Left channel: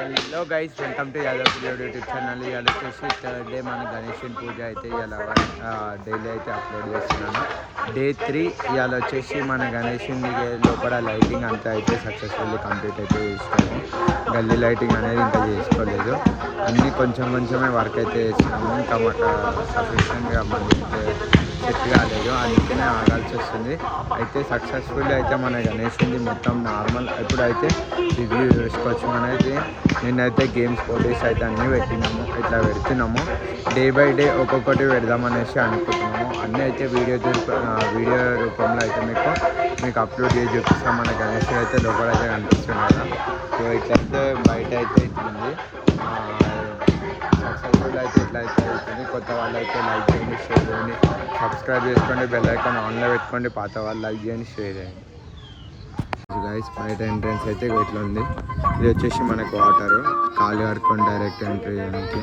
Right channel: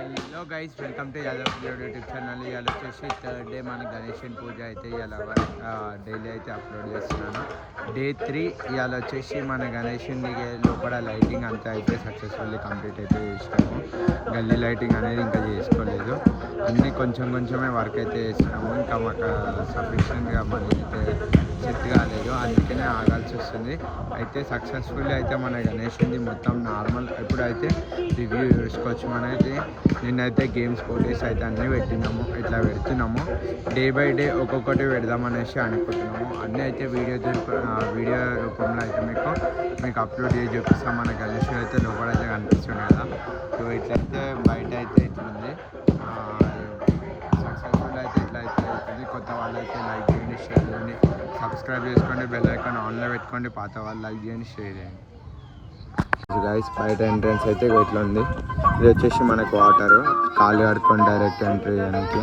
Hello guys, welcome to Yadav పిల్లోడు YouTube channel. ఇవాళ వచ్చేసి థర్డ్ డే మన గణేషన్ పూజ అయితే ఇలా డైలీ అయితే అప్లోడ్ చేస్తున్నాను. డే 3 ఇవాళ వచ్చేసి మన గణేషన్ లోపల లైటింగ్ అంతా అయితే సక్సెస్ఫుల్లీ కంప్లీట్ అయితే చేసినాము. గల్లీ లైటింగ్ అనేది ఇంకా చేసుకోలేదు, అన్నీ కొంచెం కొంచెమే వర్క్ అయితే చేస్తున్నాము. ఇంకా మాకు సఫిషియెంట్గా మనీ అయితే సెట్ కాలేదు, అందుకనే ఆగాల్సి వస్తుంది. అయితే సక్సెస్ఫుల్లీ అయితే మన గణేషుంది మొత్తం నార్మల్. ఇప్పుడైతే రివ్యూ చూసుకోవచ్చు. మనైతే నిన్నైతే గేమ్స్ పోటీస్ అయితే అన్నీ పెట్టినాము, ఇట్లా పెడుతున్నాము. డే బై డే ఒక్కొక్కటి పెడదామనేసి అనుకుంటున్నాము. అన్నీ అయితే వీడియో రూపంలో అయితే మీకు అప్లోడ్ చేసి చూపిస్తాం. మన గణేషుడు అయితే లోపల అయితే కనిపిస్తుంది కదా. సో ఇట్లయితే బయట అయితే ఇట్లుంది. సక్సెస్ఫుల్ అయితే ఇట్లా అయితే అవుతుంది. కొత్త వాళ్ళు అయితే లైక్ చేయండి, షేర్ చేయండి, సబ్స్క్రైబ్ చేసుకోండి, బెల్ ఐకాన్ ఆన్లో పెట్టుకోండి. పాత వాళ్ళు లైక్ చేయండి, షేర్ చేయండి. గైస్, బయట ఎంట్రన్స్ అయితే ఇట్లా ఉంది. ఇది వచ్చేసి మనకు వాటర్, కాలు కడుక్కొని డైరెక్ట్ ఎంట్రీ చేయడానికి.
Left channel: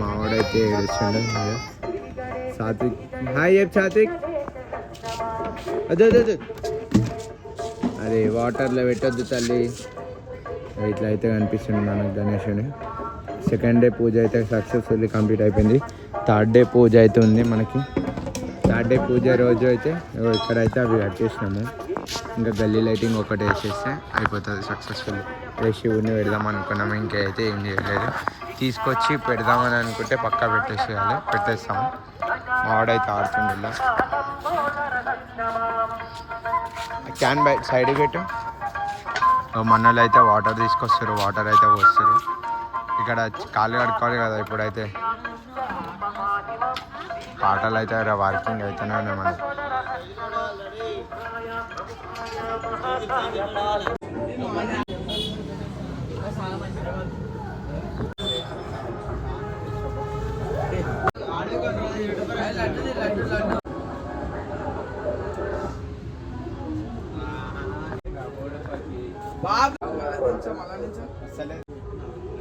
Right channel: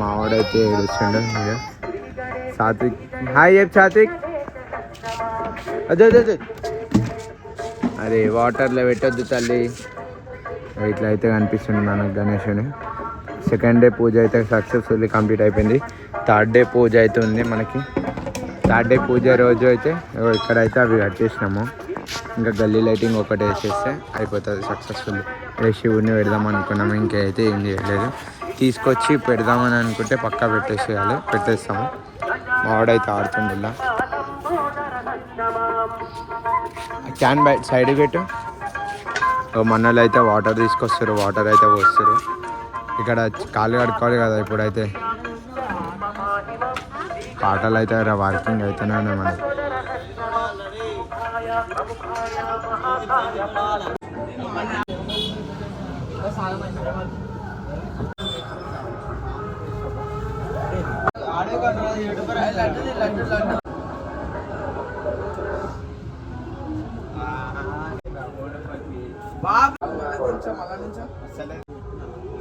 మా వాడైతే ఏడుస్తుండే. సాత్విక్ హాయ్ చెప్పు. సాత్విక్ అదే అదే వాటర్లో పెట్టద్దు తల్లి. ఇట్లా అయితే కనిపిస్తుంది మనకు గణేషుని. సెకండ్ డే పూజ అయితే సక్సెస్ఫుల్లీ కంప్లీట్ అయిపోయింది. థర్డ్ డే పూజ అయితే ఉంది మనకి. థర్డ్ డే పూజ రోజు అయితే ఇక్కడైతే అవి కట్ చేసినాము. ఇంకా గల్లీ లైటింగ్ ఒకటి వేసేస్తే అయిపోతుంది సక్సెస్ఫుల్లీ. శివుడిని పెడదాం అనుకున్నాము, ఇంకైతే ఏం చేయలేదు. తీసుకొచ్చి పెడదామని అనుకుంటే పక్కా పెట్టేస్తాము. మావాడైతే ఆడుతుండేలా. క్యాన్ బయట సైడ్ పెట్టు. మన్నలు అయితే వాటర్ తీసుకొస్తారు, వాటర్ అయితే పోస్తారు. ఇక్కడ కాళ్ళు కడుక్కోవాలి కదా. ఇప్పుడైతే పాటలు అయితే వర్కింగ్ అయితేనే ఉన్నాయి మనకి.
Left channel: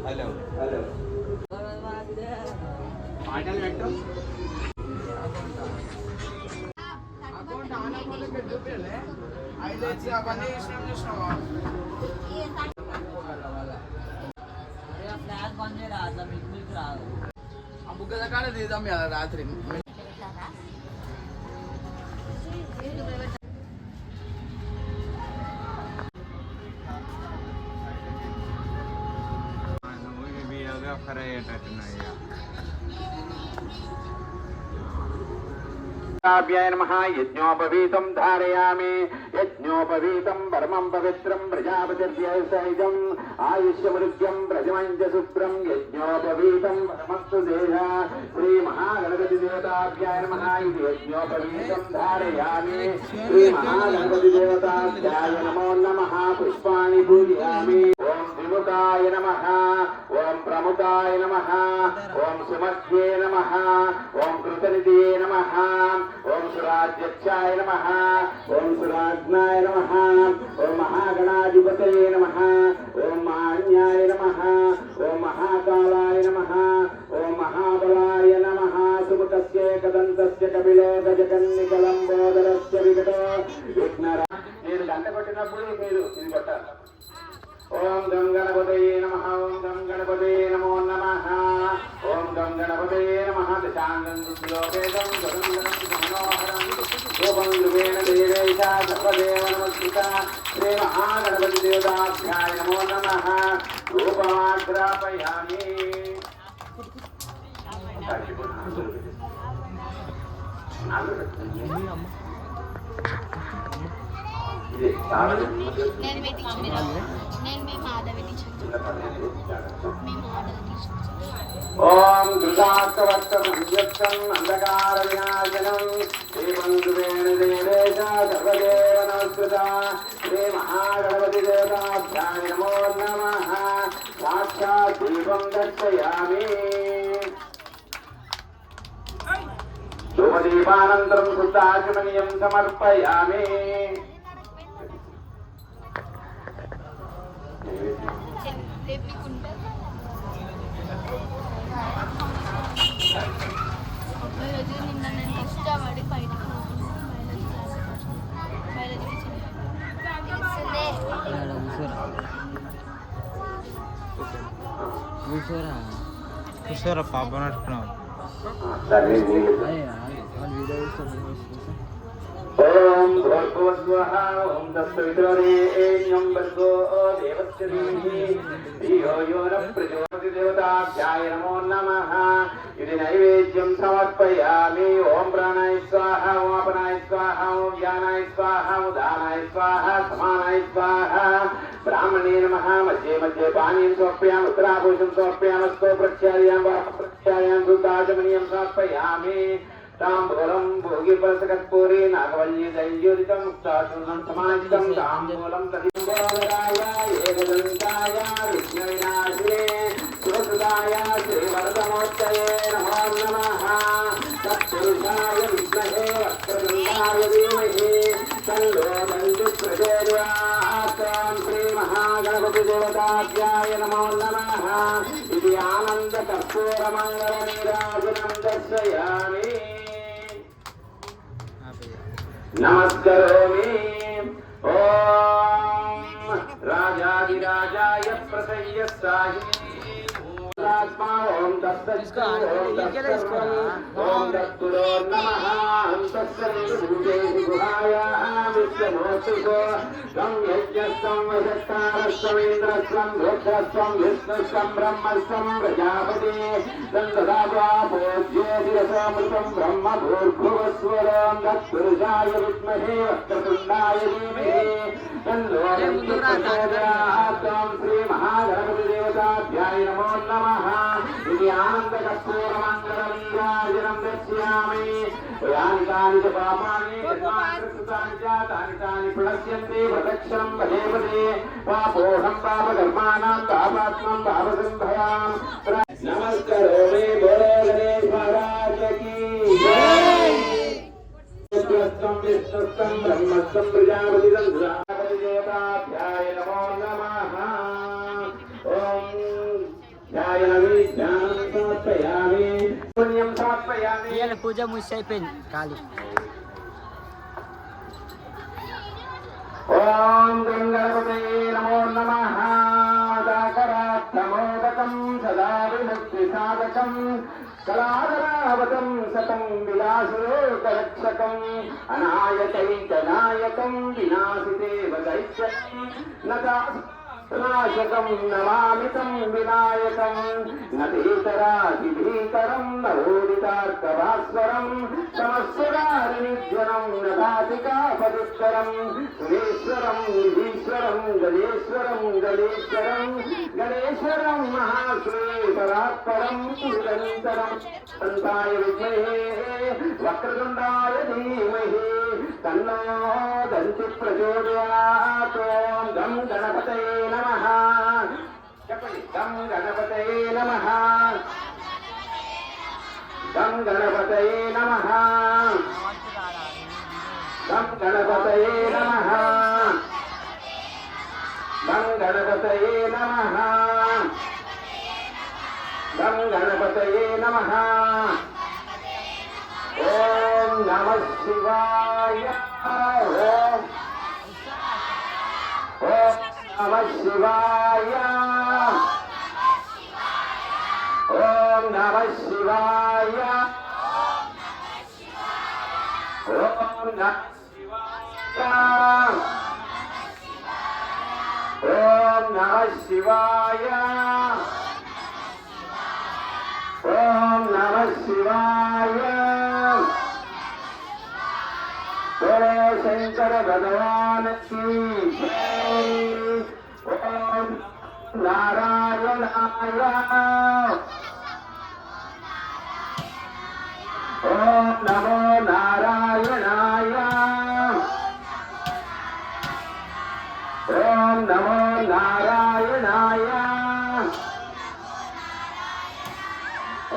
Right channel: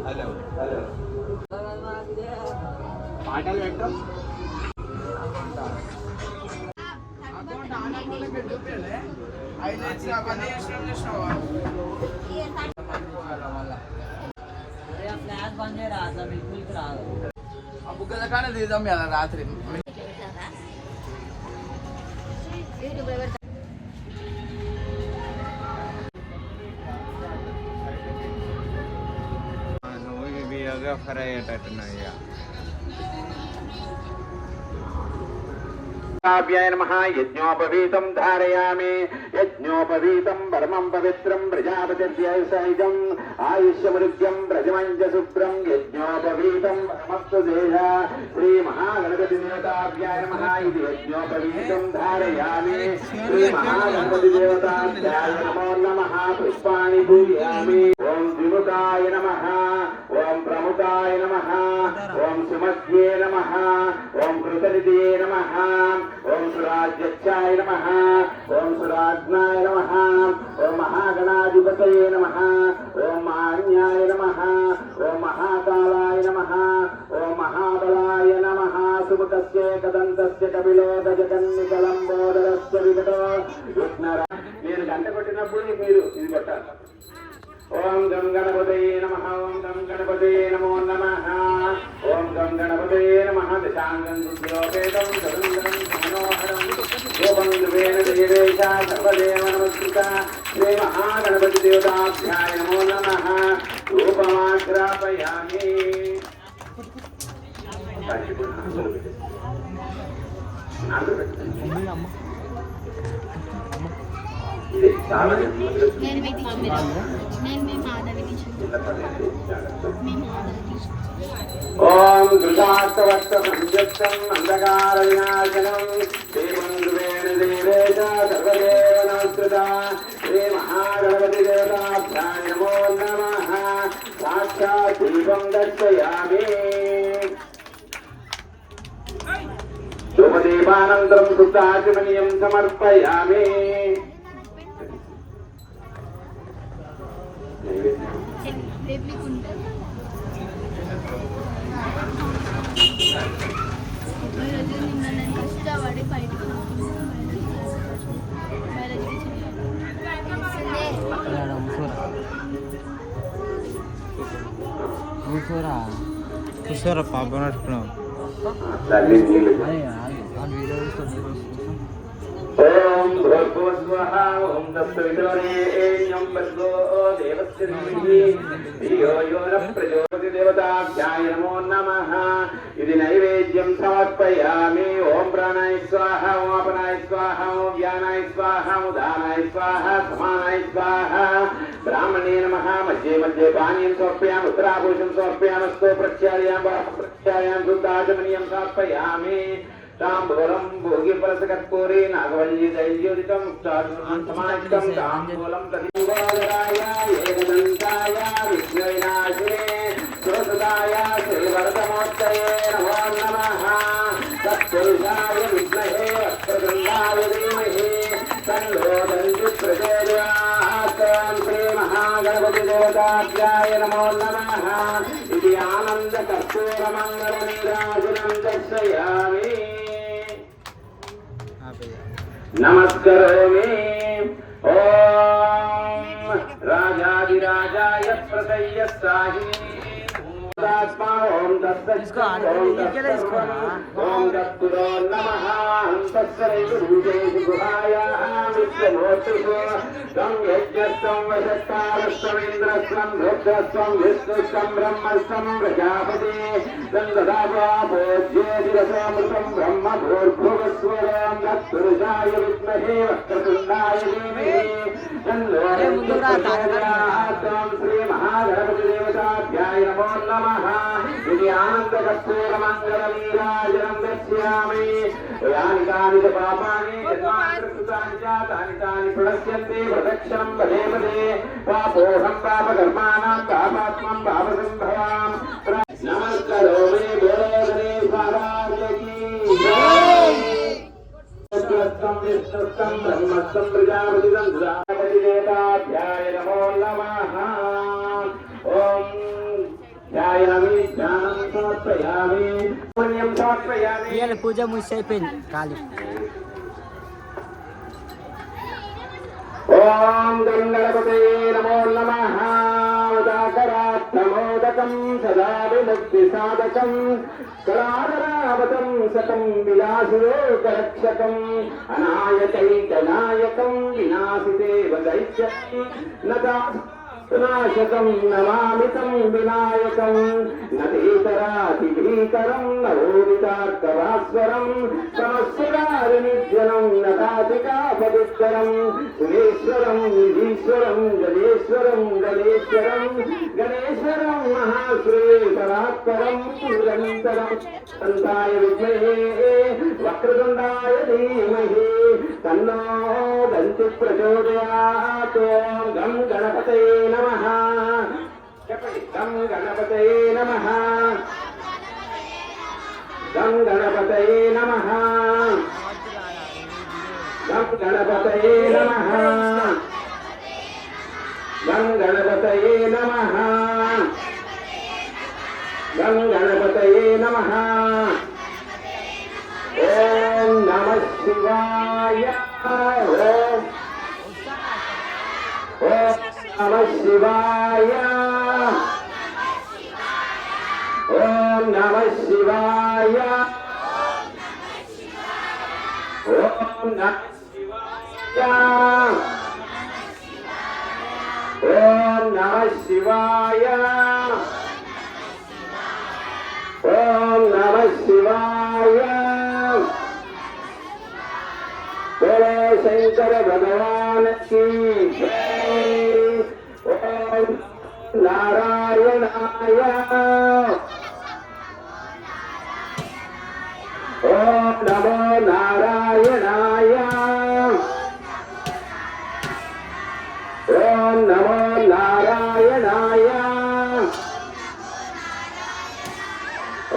హలో పాటలు పెట్టు. బుగ్గ తీద్దాం కదా రాత్రి. వీడియోగ్రాఫర్ అయ్యేటట్టున్నాయి. నమః. యజ్ఞోపవీతం ధారయామి. యజ్ఞోపవీతం పరమం పవిత్రం ప్రజాపతిర్భ్యः సహితం ఆయుష్యమృత్యం ప్రజమంచ శుభ్రం. యజ్ఞోపవీతం పరమస్తు దేహ. శ్రీ మహాగణపతి దేవతాభ్యాయ నమః. ఇది యజ్ఞోపవీతం ధారయామి. శ్రీ మహాగణపతి దేవతాభ్యాయ నమో నమః. పుష్పాణి పూజయామి. ఓం త్రిముఖాయ నమః. ఓం ప్రముఖాయ నమః. ఓం సుమధ్యే నమః. ఓం కృతనిధే నమః. ఓం సురాధ్యక్షాయ నమః. ఓం సురాజ్ఞాయ నమః. ఓం మహాగణాధిపతయే నమః. ఓం మాన్యాయ నమః. ఓం మహాకాలాయ నమః. ఓం మహాబలాయ నమః. సుముఖస్య కదంతస్య కపిలో గజకన్నికలంబోదరస్య వికటో విఘ్నరా. మీరు గంట కొట్టినప్పుడు మీరు ఇది కొట్టాలి. ఓం గం గణపతయే నమః. ఓం గం గణపతయే నమో నమః. ఓం గం గణపతయే నమః. దశాంగం రుద్రోపేతం గరుంగం మనోహరం రూపం యువేన దేవేశ సర్వదేవ నమస్కృత. శ్రీ మహాగణపతి దేవతాభ్యాయ నమో నమః. రూపమాగ్రాపయామి. ఓం గృహాస్తవక్తం అంధకారవినాశనం దేవం గురేణ దేవేశ సర్వదేవ నమస్కృత. శ్రీ మహాగణపతి దేవతాభ్యాయ నమో నమః. సాక్షాత్ దీపం దర్శయామి. శుభదీపానంతరం శుద్ధాచమనీయం సమర్పయామి. కూర్చోరా పాప నడుచుకున్నావు ఓం భూర్భువస్వః ఓం తత్సవితుర్వరేణ్యం భర్గో దేవస్య ధీమహి ధియో యో న ప్రచోదయాత్ దేవతాభ్యాయ నమో నమః ఇది నైవేద్యం సమర్పయామి ఓం ప్రాణాయ స్వాహ ఓం అపానాయ స్వాహ ఓం వ్యానాయ స్వాహ ఓం దానాయ స్వాహ సమానాయ స్వాహ బ్రాహ్మణే నమః మధ్యే మధ్యే పానీయం సమర్పయామి ఉత్తరాభూషం సమర్పయామస్తో ప్రత్యాయాం శుద్ధాచమనీయం సమర్పయామి ताम्बूलं भोगिफलसकर्पूरे नागवल्ली दैज्योतिकं मुक्ताचूर्णं समाहितं ताम्बूलं तदिङ्गोदराय एकदन्ताय विघ्नविनाशिने सुरसदाय श्रीवरदमूर्तये नमो नमः तत्पुरुषाय विद्महे वक्रतुण्डाय धीमहि तन्नो दन्ति प्रचोदयात् ॐ श्रीमहागणपतिदेवताभ्याय नमो नमः इति आनन्दकर्पूरमङ्गलनीराजनं दर्शयामि नमस्करोमि ॐ राजाधिराजाय प्रसय्य साहि आत्मा ॐ तत्सर्वं ॐ तत्पुरो नमः ॐ तत्सर्वभूतेषु गुहाय विश्वमूर्तिषु त्वं यज्ञस्त्वं वशत्कारस्त्वम् इन्द्रस्त्वं रुद्रस्त्वं विष्णुस्त्वं ब्रह्मस्त्वं प्रजापति तन्ददात्वा भोज्योतिरसामृतं ब्रह्म भूर्भुवस्वरं तत्पुरुषाय विद्महे वक्रतुण्डाय धीमहि तन्नो प्रचोदयात् ॐ श्रीमहागणपतिदेवताभ्याय नमो नमः इति आनन्दकर्पूरमङ्गलनीराजनं दर्शयामि यानि कानि च पापानि जन्मान्तरकृतानि च तानि तानि प्रणश्यन्ति प्रदक्षिणं पदे पदे पापोऽहं पापकर्माणां पापात्मं पापसिन्धवाम् नमस्करोमि बोलो गणेश महाराज की जय विष्णुस्तं ब्रह्मस्तं प्रजापतिं देवताभ्याय नमो नमः ॐ ध्यायामि ध्यानं समर्पयामि पुण्यं समर्पयामि పూజ ముగిసి అయిపోయింది కాదు ఓం గంగణపతయే నమో నమః ఉదాకరాత్తమోదకం సదా విముక్తిసాధకం కళాధరావతం శతం విలాసయోగరక్షకం అనాయకైకనాయకం వినాశిదేవ దైత్యం నాశకం నమామితం వినాయకం నతీతరాతిభీకరం నవోదితార్థభాస్వరం సమస్వరారినిజ్వలం నతాతికాపదుత్తరం సురేశ్వరం నిధీశ్వరం గణేశ్వరం గణేశ్వరం గణేశ్వరం మహాశ్రేయపరాత్పరం నిరంతరం సంతాయ విద్మహే వక్రతుండాయ ధీమహి తన్నో దంతి ప్రచోదయాత్ ఓం గం గణపతయే నమః గం గణపతయే నమః గం గణపతయే నమః గం గణపతయే నమః గం గణపతయే నమః గం గణపతయే నమః ఓం నమః శివాయ ఓం నమః శివాయ ఓం నమః శివాయ ఓం నమః శివాయ ఓం నమః శివాయ ఓం నమః శివాయ बोलो शंकर भगवान की जय ओम नारायणाय ओम नमो नारायणाय ओम नमो नारायणाय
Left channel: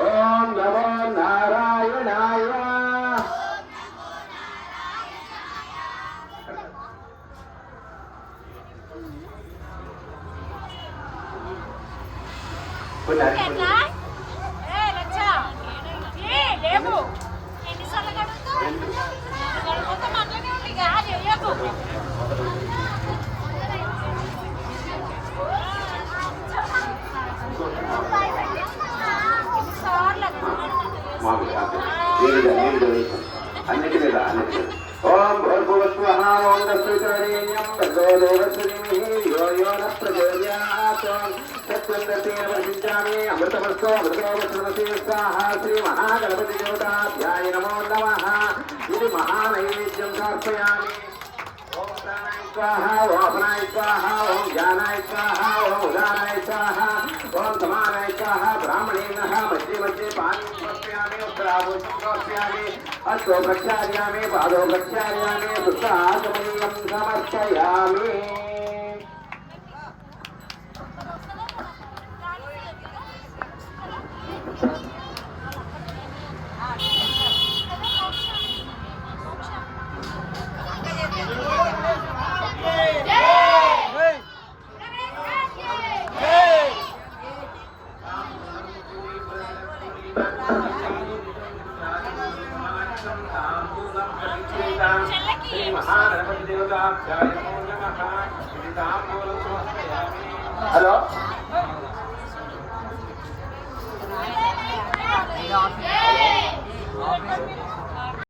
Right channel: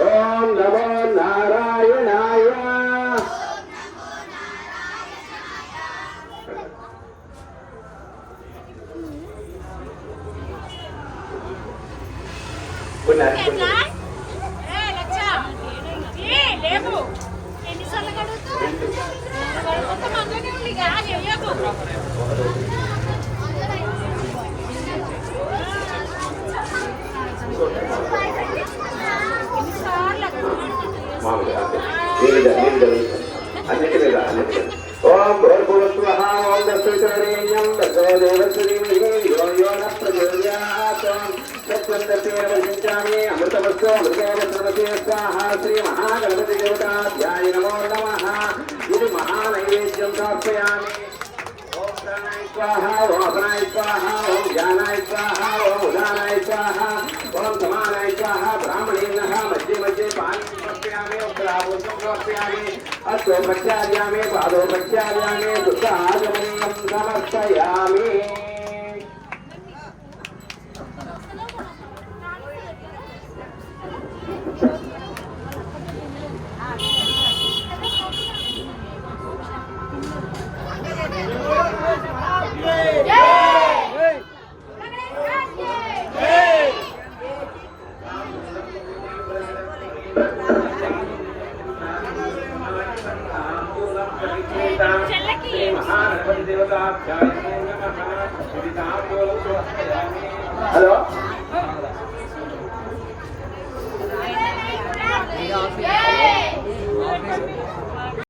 ओम नमो नारायणाय Thank you. ఓం భూర్భువస్వః ఓం తత్సవితుర్వరేణ్యం భర్గో దేవస్య ధీమహి ధియో యో నః ప్రచోదయాత్ తత్సవితుర్వరేణ్యం అమృతమస్తు మృగేణ స్మృతే స్వాహా శ్రీ మహాగణపతి దేవతాభ్యాయ నమో నమః ఇది మహానైవేద్యం సమర్పయామి ఓం ప్రాణాయ స్వాహా ఓం అపరాయ స్వాహా ఓం జ్ఞానాయ స్వాహా ఓం ఉదానాయ స్వాహా ఓం సమానాయ స్వాహా బ్రాహ్మణేనః మధ్య మధ్య పాదం సమర్పయామి ఉత్తరాభూతం సమర్పయామి అస్తో ప్రత్యాయామి పాదో ప్రత్యాయామి దుఃఖాదనీయం సమర్పయామి హలో ఆఫీస్